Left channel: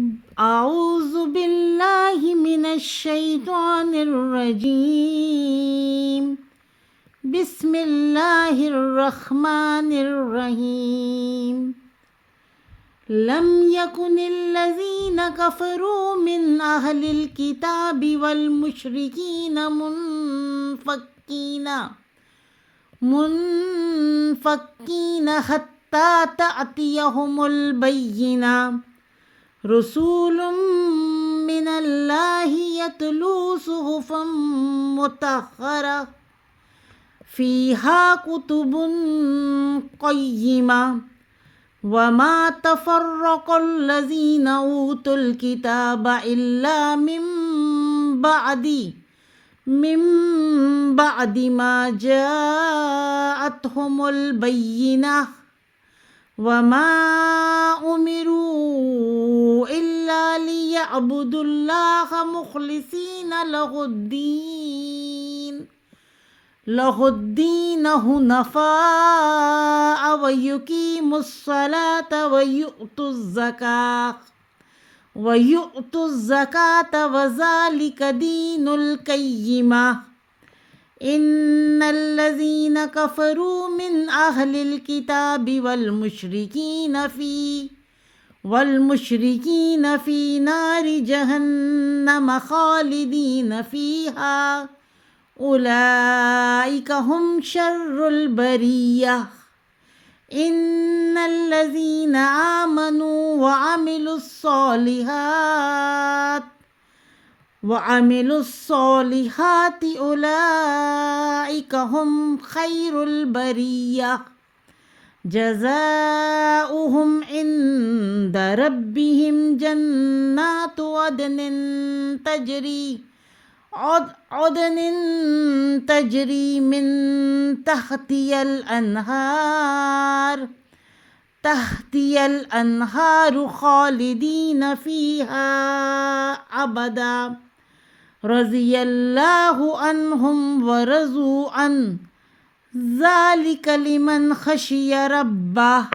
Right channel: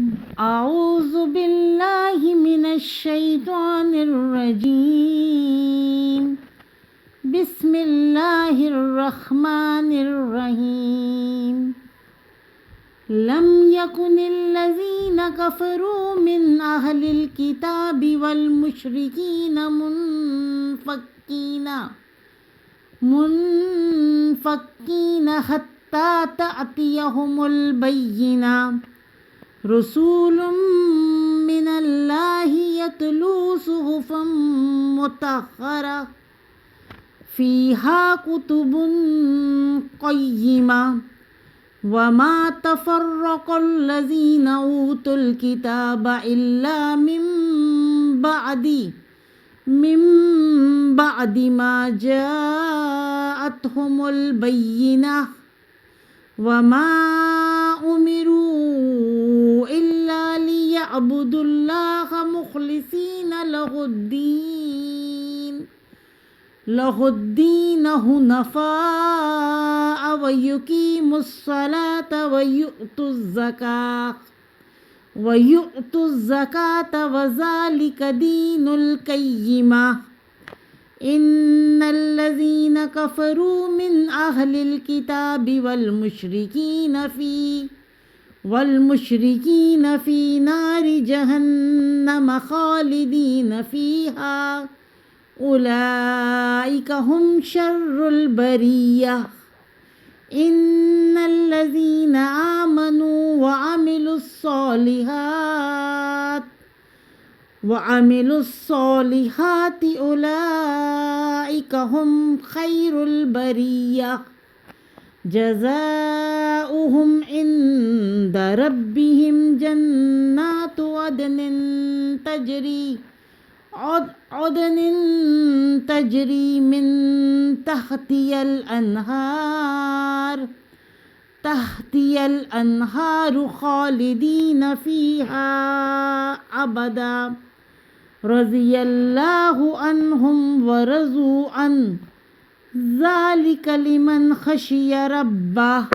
اعوذ باللہ من الشیطان الرجیم بسم اللہ الرحمن الرحیم لم يكن الذين كفروا من أهل الكتاب والمشركين منفكين حتى تأتيهم البينة رسول من الله يتلو صحفا مطهرة فيها كتب قيمة وما تفرق الذين أوتوا الكتاب إلا من بعد ما جاءتهم البينة وما أمروا إلا ليعبدوا الله مخلصين له الدين حنفاء ويقيموا الصلاة ويؤتوا الزكاة وذلك دين القيمة إن الذين كفروا من أهل الكتاب والمشركين في نار جهنم خالدين فيها أولئك هم شر البرية إن الذين آمنوا وعملوا الصالحات أولئك هم خير البرية جزاؤهم عند ربهم جنات عدن تجري من تحتها الأنهار خالدين فيها أبدا رضي الله عنهم ورضوا عنه ذلك لمن خشي ربه